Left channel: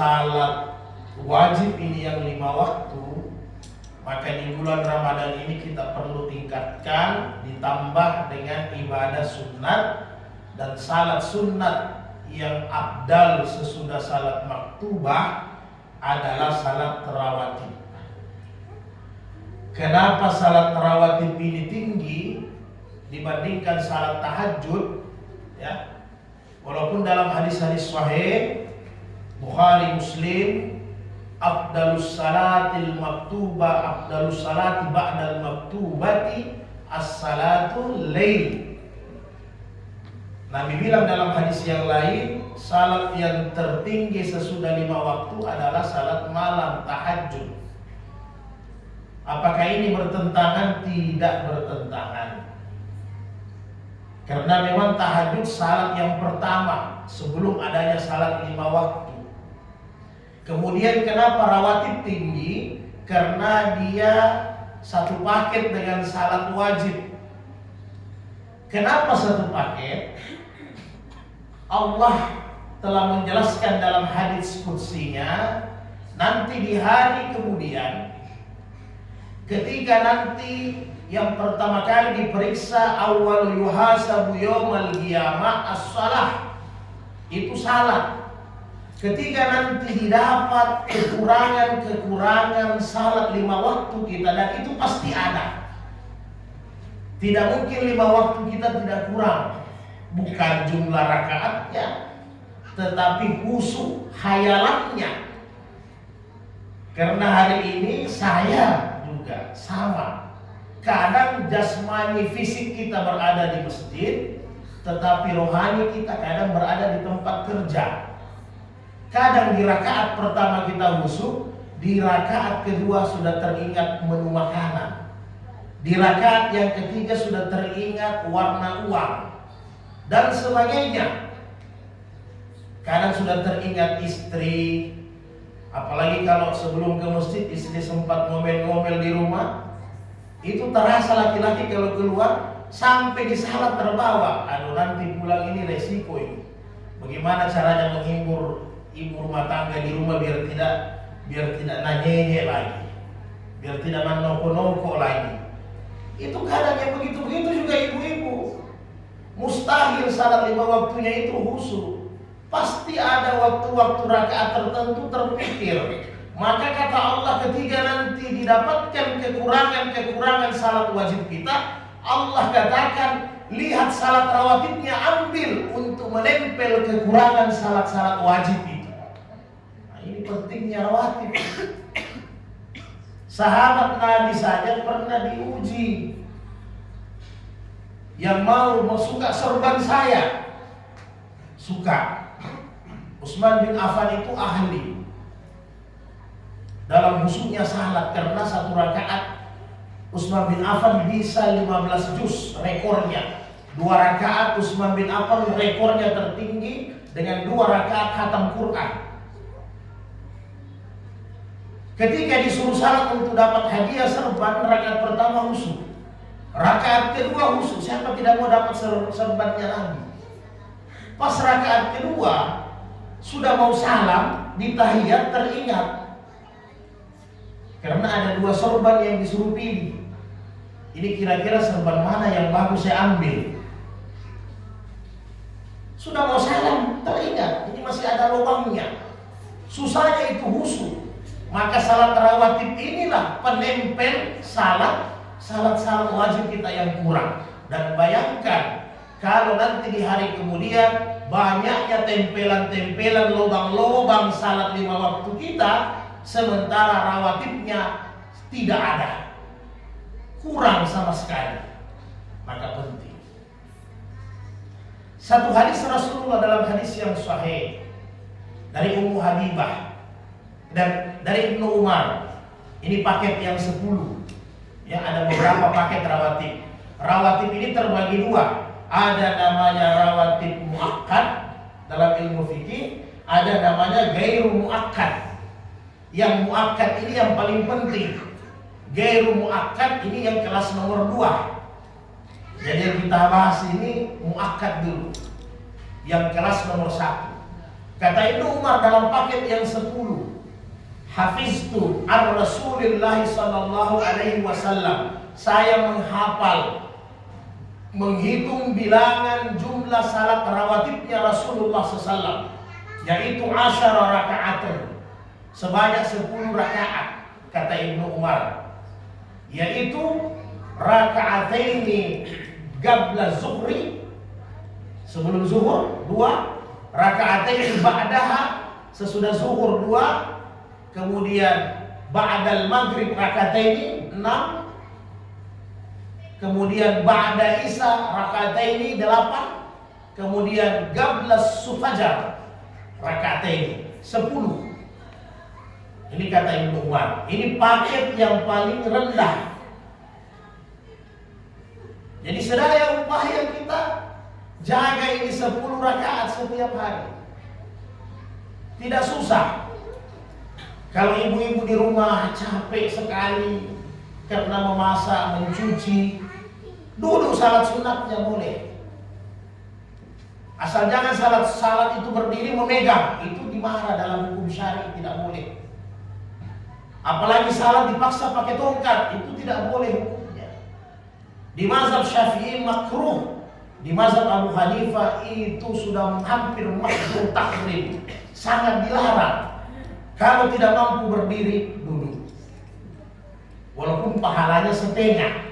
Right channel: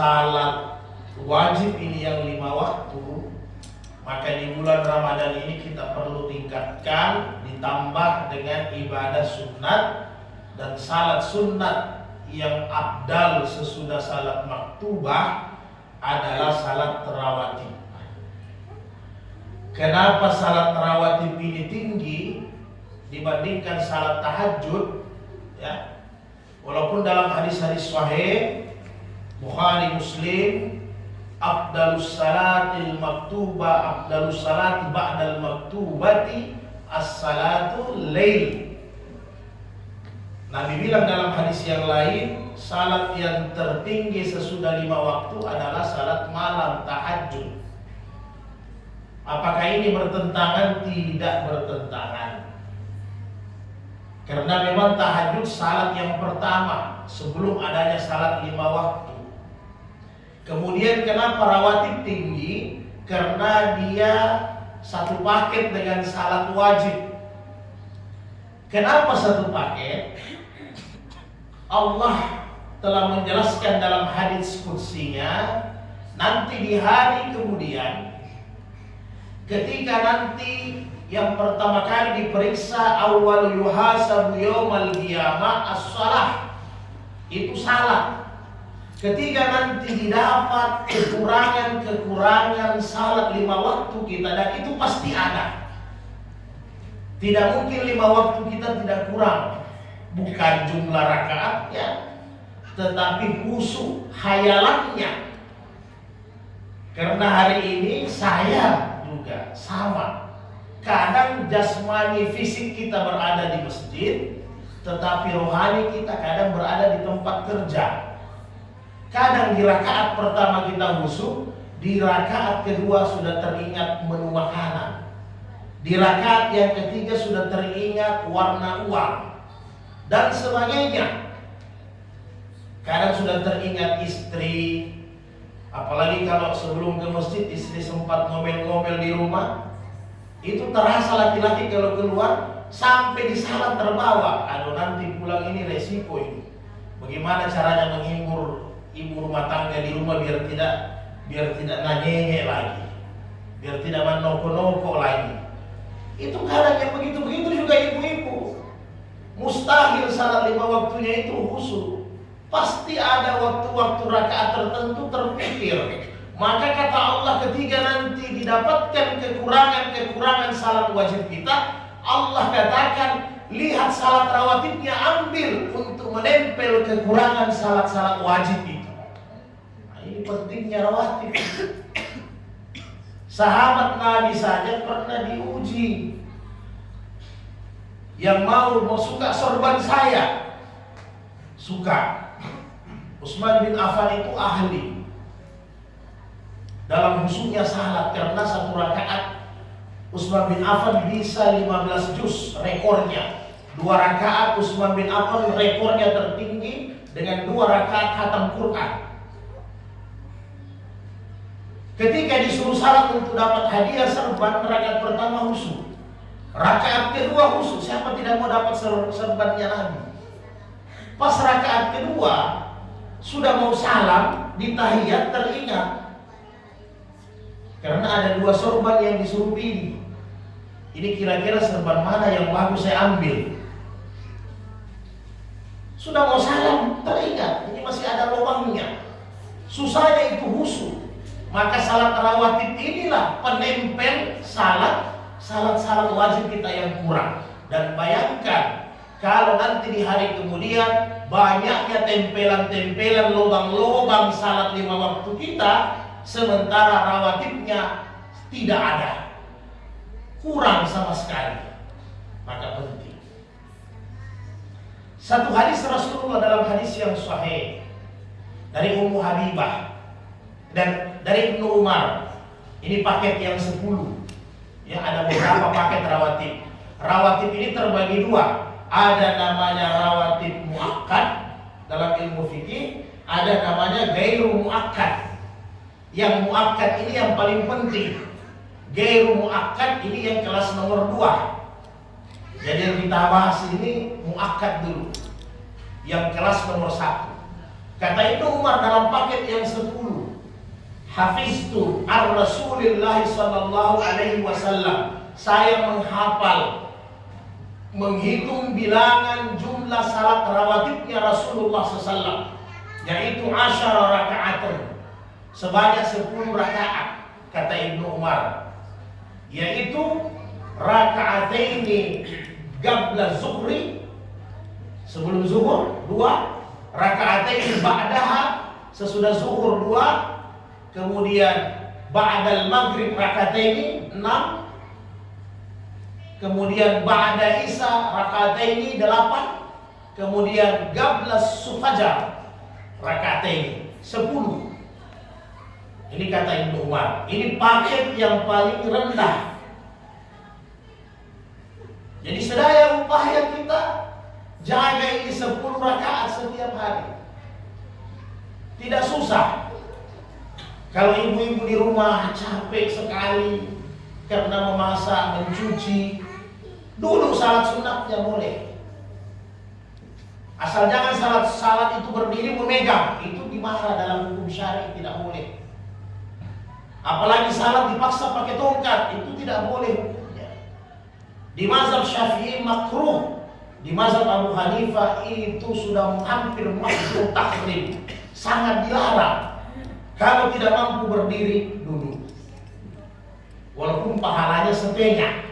salat wajib ini yang 5 waktu, maka di bulan Ramadan ini kita perlu tingkatkan, ditambah dengan ibadah sunat. Dan salat sunat yang afdal sesudah salat maktubah adalah salat tarawih. Kenapa salat tarawih ini tinggi dibandingkan salat tahajud? Ya, walaupun dalam hadis-hadis sahih Bukhari Muslim, afdalus salatil maktubah, afdalus salati ba'dal maktubati as-salatul lail. Nabi bilang dalam hadis yang lain, salat yang tertinggi sesudah 5 waktu adalah salat malam, tahajud. Apakah ini bertentangan? Tidak bertentangan. Karena memang tahajud salat yang pertama sebelum adanya salat 5 waktu. Kemudian kenapa rawatib tinggi? Karena dia satu paket dengan salat wajib. Kenapa satu paket? Allah telah menjelaskan dalam hadis qudsinya, nanti di hari kemudian, ketika nanti yang pertama kali diperiksa, awal yuhasabu yaumal qiyamah as-salah, itu salat. Ketika nanti didapat kekurangan salat 5 waktu kita, dan itu pasti ada. Tidak mungkin 5 waktu kita tidak kurang. Bukan jumlah rakaatnya, tetapi khusyuk hayalannya. Karena hari ini saya juga sama. Kadang jasmani fisik kita berada di masjid, tetapi rohani kita kadang berada di tempat kerja. Kadang di rakaat pertama kita khusyuk, di rakaat kedua sudah teringat menu makanan. Di rakaat yang ketiga sudah teringat warna uang dan sebagainya. Kadang sudah teringat istri, apalagi kalau sebelum ke masjid istri sempat ngomel-ngomel di rumah. Itu terasa laki-laki kalau keluar sampai di salat terbawa. Aduh, nanti pulang ini resiko ini. Bagaimana caranya menghibur ibu rumah tangga di rumah biar tidak nanyeye lagi, biar tidak menoko-noko lagi. Itu kadang yang begitu-begitu juga ibu-ibu. Mustahil salat 5 waktunya itu khusyuk. Pasti ada waktu-waktu rakaat tertentu terpikir. Maka kata Allah, ketika nanti didapatkan kekurangan salat wajib kita, Allah katakan, lihat salat rawatibnya, ambil untuk menempel kekurangan salat-salat wajib itu. Nah, ini pentingnya rawatib. Sahabat Nabi saja pernah diuji. Yang mau suka sorban saya, suka. Utsman bin Affan itu ahli dalam khusyuknya salat, karena satu rakaat Utsman bin Affan bisa 15 juz rekornya. 2 rakaat Utsman bin Affan rekornya tertinggi dengan 2 rakaat khatam Quran. Ketika disuruh salat untuk dapat hadiah serban, rakaat pertama khusyuk, rakaat kedua khusyuk. Siapa tidak mau dapat serbannya Nabi? Pas rakaat kedua sudah mau salam, di tahiyat teringat, karena ada 2 sorban yang disuruh pilih. Ini kira-kira serban mana yang bagus saya ambil. Sudah mau salam, teringat ini masih ada lubangnya. Susahnya itu khusyuk. Maka salat rawatib inilah penempel salat wajib kita yang kurang. Dan bayangkan kalau nanti di hari kemudian banyaknya tempelan-tempelan, lubang-lubang salat 5 waktu kita, sementara rawatibnya tidak ada, kurang sama sekali. Maka penting. Satu hadis Rasulullah dalam hadis yang sahih dari Ummu Habibah dan dari Ibnu Umar, ini paket yang 10. Ya, ada beberapa paket rawatib. Rawatib ini terbagi 2. Ada namanya rawatib muakkad dalam ilmu fikih, ada namanya ghairu muakkad. Yang muakkad ini yang paling penting. Ghairu muakkad ini yang kelas nomor 2. Jadi yang kita bahas ini muakkad dulu, yang kelas nomor 1. Kata Ibnu Umar dalam paket yang 10, hafiztu ar-Rasulillah sallallahu alaihi wasallam. Saya menghafal, menghitung bilangan jumlah salat rawatibnya Rasulullah SAW, yaitu 10 rakaat, sebanyak 10 rakaat. Kata Ibnu Umar, yaitu raka'ataini qabla zuhri, sebelum zuhur 2, raka'ataini ba'daha, sesudah zuhur 2, kemudian ba'dal maghrib raka'ataini 6, kemudian ba'da isya raka'ataini 8, kemudian qabla sufajar raka'ataini 10. Ini kata Ibnu Umar, ini paket yang paling rendah. Jadi sedaya upaya kita jaga ini 10 rakaat setiap hari. Tidak susah. Kalau ibu-ibu di rumah capek sekali karena memasak, mencuci, duduk salat sunatnya boleh. Asal jangan salat itu berdiri memegang, itu dimarah dalam hukum syar'i, tidak boleh. Apalagi salat dipaksa pakai tongkat, itu tidak boleh hukumnya. Di mazhab Syafi'i makruh, di mazhab Abu Hanifah itu sudah hampir makruh tahrim, sangat dilarang. Kalau tidak mampu berdiri, duduk. Walaupun pahalanya setengah.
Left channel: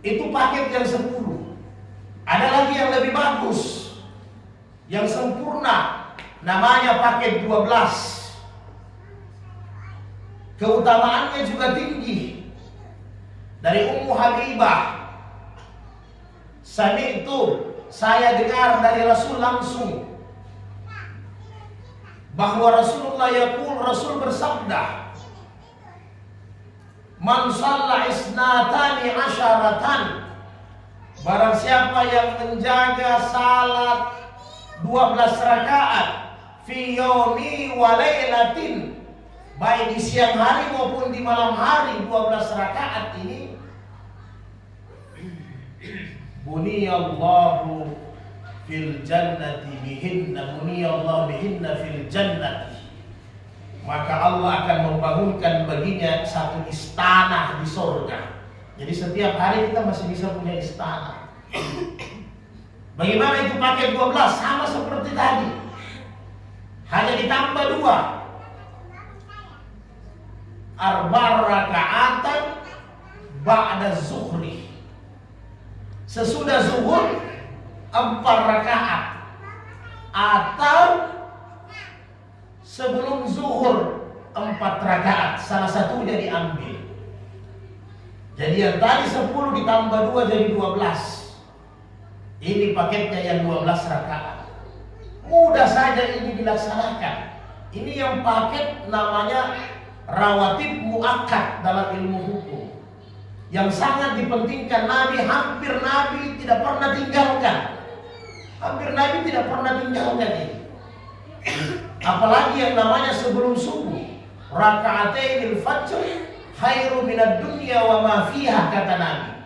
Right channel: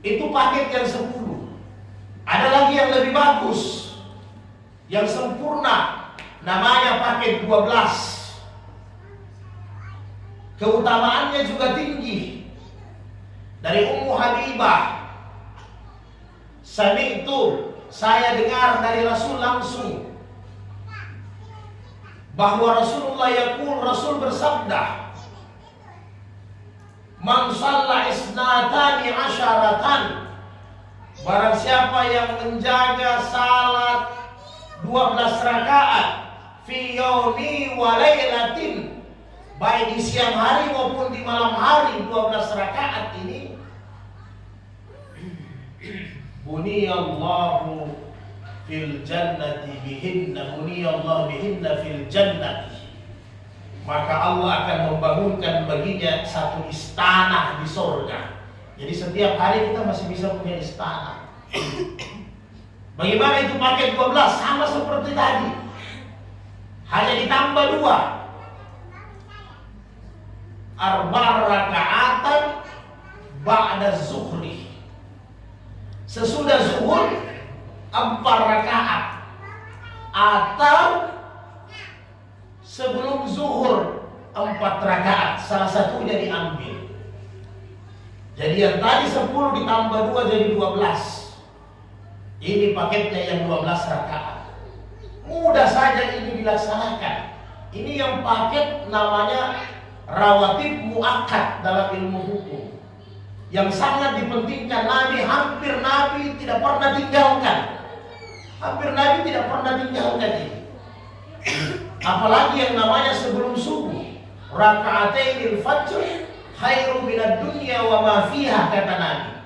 Itu paket yang 10. Ada lagi yang lebih bagus, yang sempurna, namanya paket 12. Keutamaannya juga tinggi. Dari Ummu Habibah, saya dengar dari Rasul langsung bahwa Rasul bersabda, man shalla isnatani asyaratan, barang siapa yang menjaga salat 12 rakaat fi yaumi wa lailatin, baik di siang hari maupun di malam hari, 12 rakaat ini, buniyallahu fil jannati bihinna, buniyallahu bihinna fil jannati, maka Allah akan membangunkan baginya satu istana di surga. Jadi setiap hari kita masih bisa punya istana. Bagaimana itu paket 12? Sama seperti tadi, hanya ditambah 2. Arba' rakaatan ba'da zuhri, sesudah zuhur 4 rakaat, atau sebelum zuhur 4 rakaat, salah satunya diambil. Jadi yang tadi 10 ditambah 2 jadi 12. Ini paketnya yang 12 rakaat. Mudah saja ini dilaksanakan. Ini yang paket namanya rawatib muakkad dalam ilmu hukum, yang sangat dipentingkan. Hampir Nabi tidak pernah tinggalkan. Ini. Apalagi yang namanya sebelum subuh, raka'atainil fajr khairu minad dunya wa ma fiha, kata Nabi.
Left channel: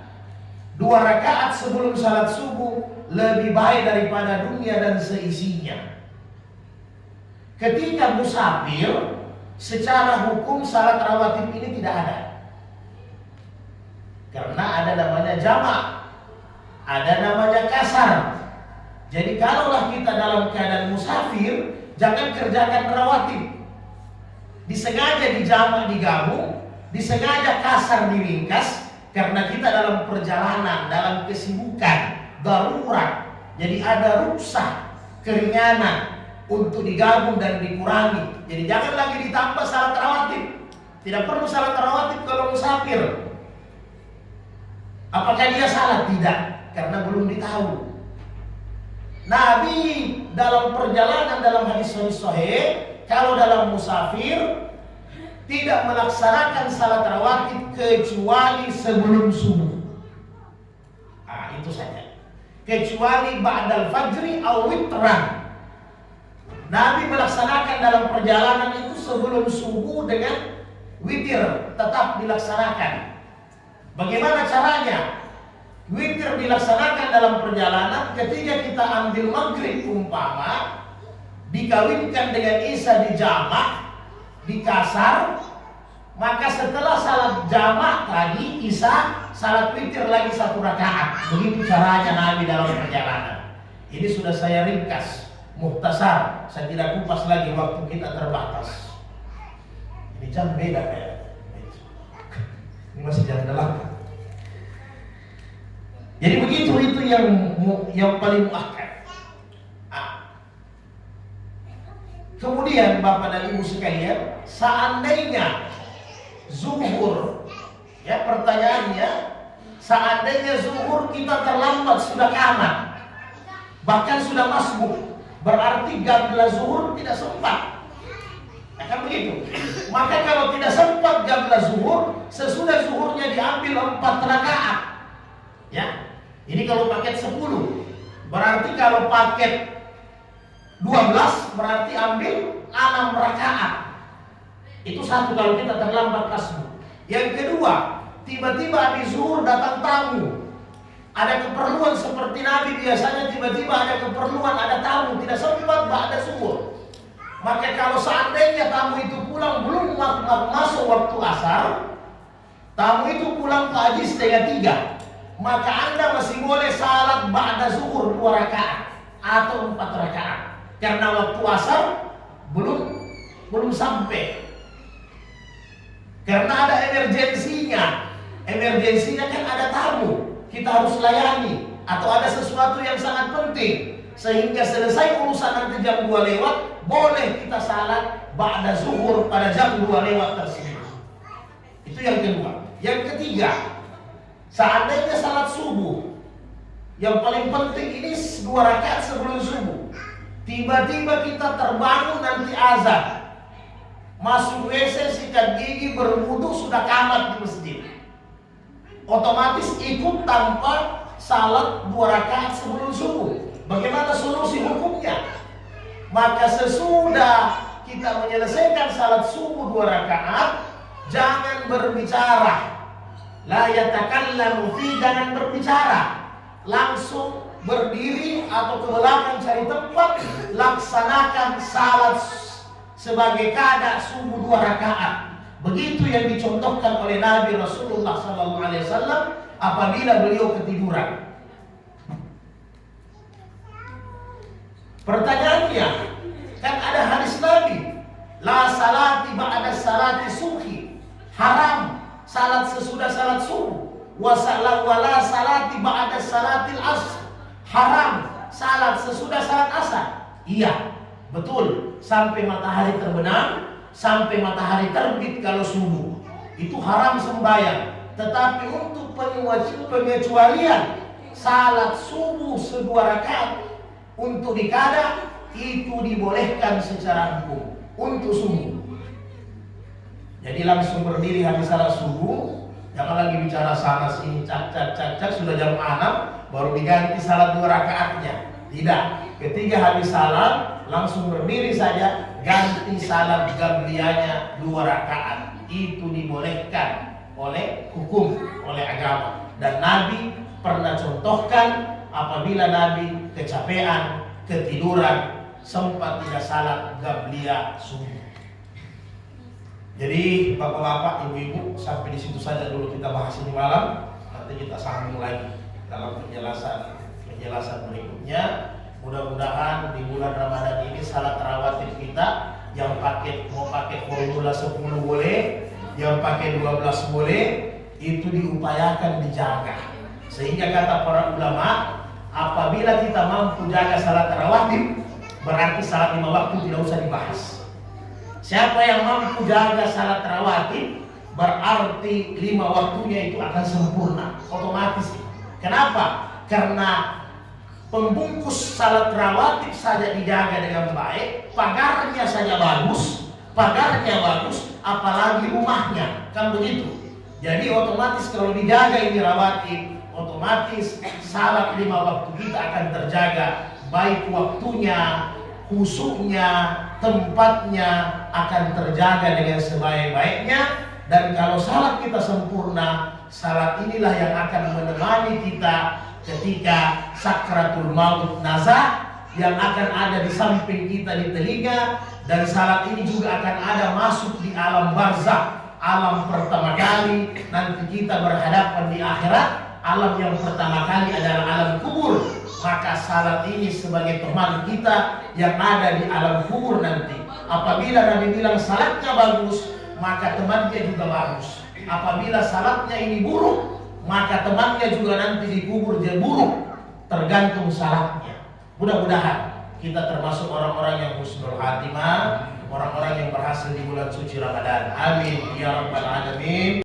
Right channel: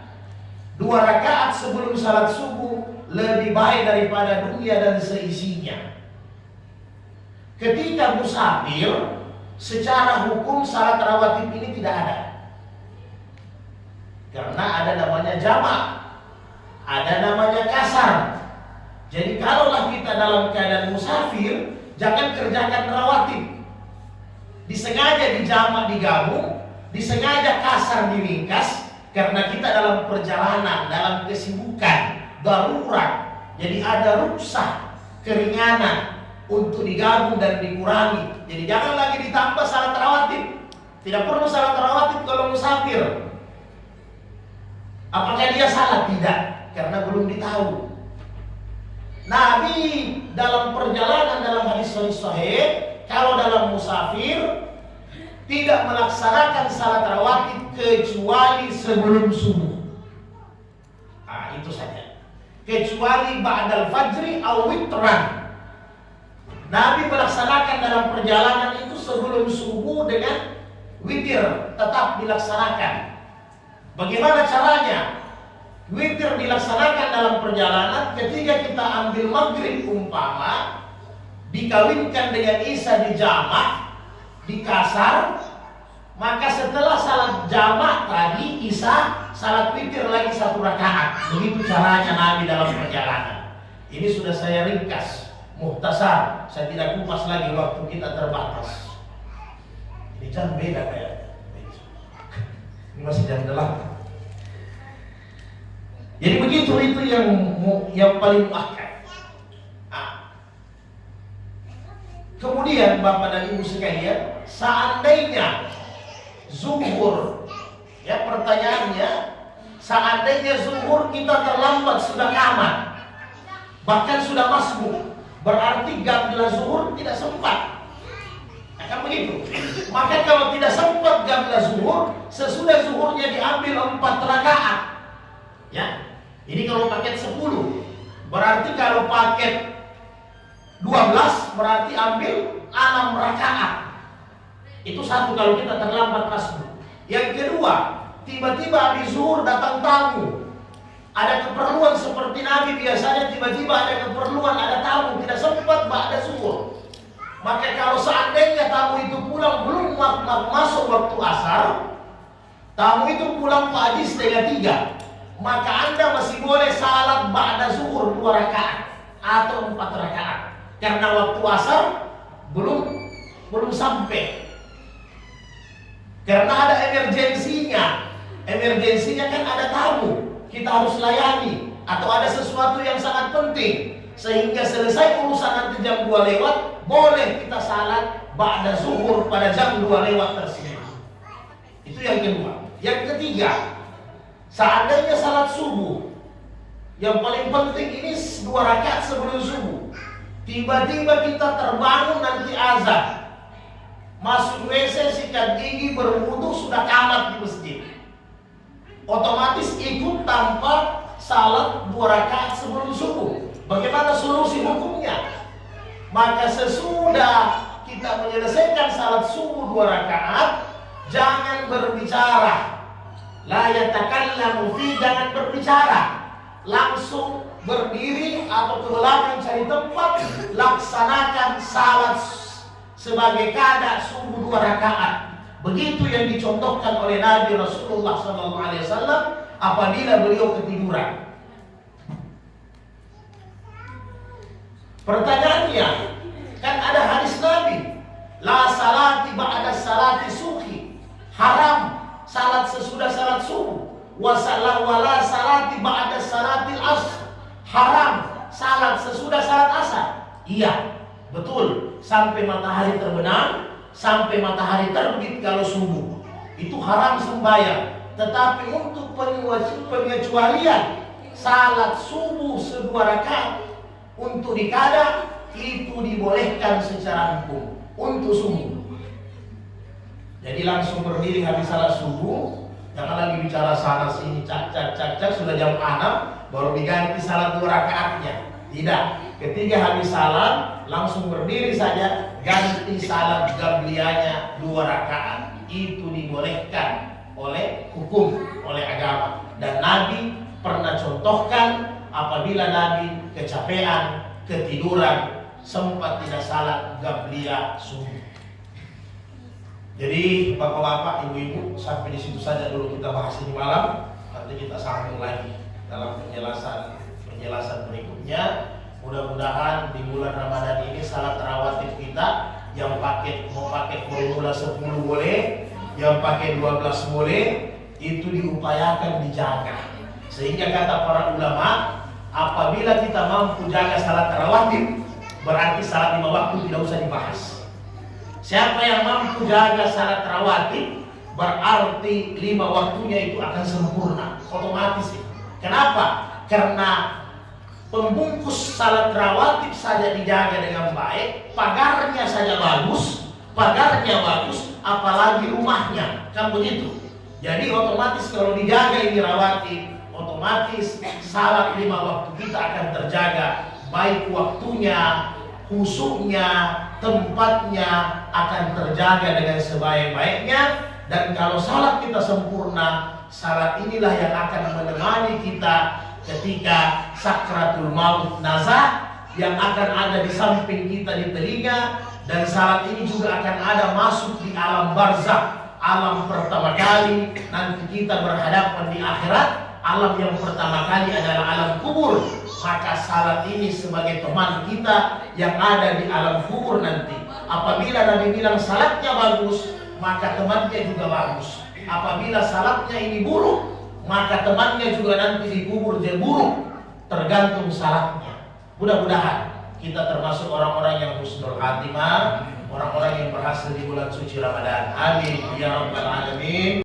2 rakaat sebelum salat subuh lebih baik daripada dunia dan seisinya. Ketika musafir, secara hukum salat rawatib ini tidak ada, karena ada namanya jamak, ada namanya kasar. Jadi kalaulah kita dalam keadaan musafir, jangan kerjakan rawatib. Disengaja dijamak, digabung, disengaja kasar, diringkas, karena kita dalam perjalanan, dalam kesibukan, darurat. Jadi ada ruksah, keringanan untuk digabung dan dikurangi. Jadi jangan lagi ditambah salat rawatib. Tidak perlu salat rawatib kalau musafir. Apakah dia salah? Tidak, karena belum ditahu. Nabi dalam perjalanan, dalam hadis sahih, kalau dalam musafir tidak melaksanakan salat rawatib kecuali sebelum subuh. Itu saja. Kecuali ba'dal fajri aw witran. Nabi melaksanakan dalam perjalanan itu sebelum subuh dengan witir, tetap dilaksanakan. Bagaimana caranya? Witir dilaksanakan dalam perjalanan ketika kita ambil maghrib umpama dikawinkan dengan isya di jamak, di kasar, maka setelah salat jamak tadi isya, salat witir lagi 1 rakaat. Begitu caranya Nabi dalam perjalanan. Ini sudah saya ringkas, muhtasar. Saya tidak kupas lagi, waktu kita terbatas. Ini jam beda kayak. Ini masih jam 8. Jadi begitu, itu yang paling muakkad. Kemudian Bapak dan Ibu sekalian, seandainya zuhur, ya pertanyaannya, seandainya zuhur kita terlambat sudah kamat, bahkan sudah masbuk, berarti qabla zuhur tidak sempat. Kan begitu. Maka kalau tidak sempat qabla zuhur, sesudah zuhurnya diambil 4 rakaat. Ya. Ini kalau paket 10. Berarti kalau paket 12 berarti ambil 6 rakaat. Itu satu kalau kita terlambat masbuk. Yang kedua, tiba-tiba habis zuhur datang tamu. Ada keperluan seperti Nabi biasanya, tiba-tiba ada keperluan, ada tamu, tidak sempat ba'da zuhur. Maka kalau seandainya tamu itu pulang belum masuk waktu asar, tamu itu pulang pagi 2:30, maka Anda masih boleh salat ba'da zuhur 2 rakaat atau 4 rakaat. Karena waktu asar belum sampai. Karena ada emergensinya. Emergensinya kan ada tamu, kita harus layani, atau ada sesuatu yang sangat penting, sehingga selesai urusan nanti jam 2 lewat, boleh kita salat ba'da zuhur pada jam 2 lewat tersebut. Itu yang kedua. Yang ketiga, seandainya salat subuh, yang paling penting ini 2 rakaat sebelum subuh, tiba-tiba kita terbangun nanti azan, masuk WC, sikat gigi, berwudu, sudah kamat di masjid, otomatis ikut tanpa salat 2 rakaat sebelum subuh. Bagaimana solusi hukumnya? Maka sesudah kita menyelesaikan salat subuh 2 rakaat, jangan berbicara. La yatakallamu fi, jangan berbicara. Langsung berdiri atau ke belakang cari tempat, laksanakan salat sebagai qada subuh 2 rakaat. Begitu yang dicontohkan oleh Nabi Rasulullah SAW apabila beliau ketiduran. Pertanyaannya, kan ada hadis Nabi, la salati ba'da salati subhi, haram salat sesudah salat subuh, wa la salati ba'da salatil asr, haram salat sesudah salat asar. Iya, betul, sampai matahari terbenam, sampai matahari terbit kalau subuh, itu haram sembahyang. Tetapi untuk pengecualian salat subuh 2 rakaat untuk di qada, itu dibolehkan secara hukum untuk subuh. Jadi langsung berdiri habis salat subuh, jangan lagi bicara sana sini, cak sudah jam 6 baru diganti salat 2 rakaatnya. Tidak, ketika habis salat langsung berdiri saja, ganti salat qabliyahnya 2 rakaat. Itu dibolehkan oleh hukum, oleh agama. Dan Nabi pernah contohkan apabila Nabi kecapean, ketiduran, sempat tidak salat qabliyah subuh. Jadi bapak-bapak, ibu-ibu, sampai di situ saja dulu kita bahas ini malam. Nanti kita sambung lagi dalam penjelasan berikutnya. Mudah-mudahan di bulan Ramadan ini salat rawatib kita yang mau pakai formula 10 boleh, yang pakai 12 boleh, itu diupayakan dijaga. Sehingga kata para ulama, apabila kita mampu jaga salat rawatib, berarti salat 5 waktu tidak usah dibahas. Siapa yang mampu jaga salat rawatib, berarti 5 waktunya itu akan sempurna, otomatis. Kenapa? Karena pembungkus salat rawatib saja dijaga dengan baik, pagarnya saja bagus, apalagi rumahnya, kan begitu. Jadi otomatis kalau dijaga ini rawatib, otomatis salat 5 waktu kita akan terjaga, baik waktunya, khusyuknya, tempatnya akan terjaga dengan sebaik-baiknya. Dan kalau salat kita sempurna, salat inilah yang akan menemani kita ketika sakratul maut nazah, yang akan ada di samping kita di telinga. Dan salat ini juga akan ada masuk di alam barzakh, alam pertama kali nanti kita berhadapan di akhirat. Alam yang pertama kali adalah alam kubur. Maka salat ini sebagai teman kita yang ada di alam kubur nanti. Apabila Nabi bilang salatnya bagus, maka temannya juga bagus. Apabila salatnya ini buruk, maka temannya juga nanti dikubur dia buruk, tergantung salatnya. Mudah-mudahan kita termasuk orang-orang yang husnul khatimah, orang-orang yang berhasil di bulan suci Ramadan. Amin ya rabbal alamin.